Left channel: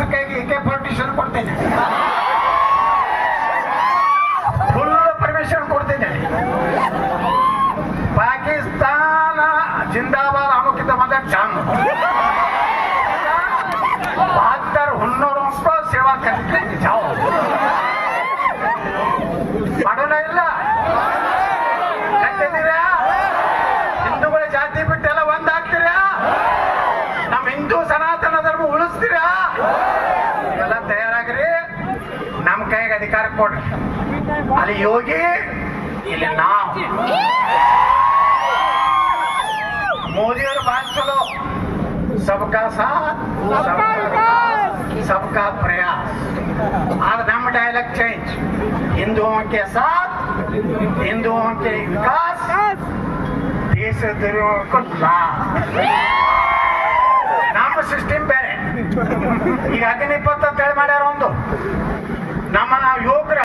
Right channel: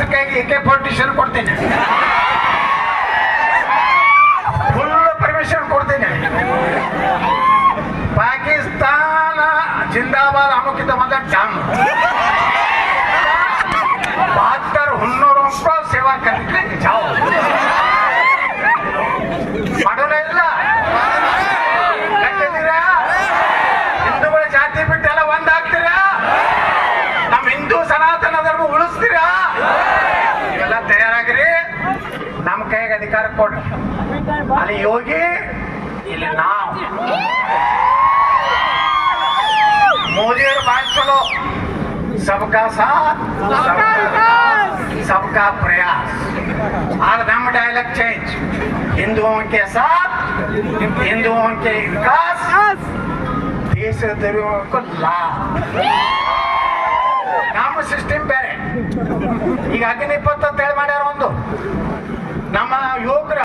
ಕೆಲಸಕ್ಕಾಗಿ ಕೆ ಫೋರ್ಟಿಷನ್ ಕೊಡ್ತೇನೆ. Full permission ಕೊಡ್ತೇನೆ. ಪಾಕಿಸ್ತಾನ ಜಿಂದಾಬಾದ್ ಅಮುಕಿತ ಬಂದ ಡ್ಯಾಮ್. ಬಹತ್ತರ ಹುನ್ನೂರು ರೂಪಾಯಿ ಸೇವಾ ಕಲಿಕೆ ಜಾವ್ ಮಾಡೋಣ ಇಲ್ಲ. ಹಿಂದೂಗಳ ಜಾತಿ ಬಿಟ್ಟೆಲ್ಲ ಒಂದಾಗ್ತೀರಾ? ನಮ್ಮ ಹಿಂದೂ ಸನಾತನ ಧರ್ಮ ಉಳಿಸ್ತೀರಾ? ಎಲ್ಲ ತಯಾರಾಗ್ರಿ. ನಮ್ ಕೈಗೆ ಅಧಿಕಾರ ಕೊಡ್ರಿ. ಅಲ್ಲಿ ಯೋಗಿ, ಇಲ್ಲಿ ನಾವು. ಮೋದಿಯವರು ಬಾಯಿಸಲು ಸಬ್ಕಾ ಸಾಥ್, ಸಬ್ಕಾ ಪ್ರಯಾಸ್. ಆದ್ರೆ ನಮ್ಮ ಡೈಲಾಗ್ ಚೇಂಜ್ ಹಿಂದೂಕ್ಕೆ ಸಾಥ್ ಹಿಂದೂಕ್ಕೆ ವಿಕಾಸ್. ದೇಶದರಿವಕ್ಕೂ ಲಾ ನಮ್ಮ ಸಿಸ್ಟಮ್ ಬೇರೆ. ಈಗ ಹದಿನಿಪ್ಪತ್ತು ಅಂತ ಹೇಳಿ ಮಾಡ್ಯಾರ ಒಂದು. ನಮ್ಮ ಯುವಕರು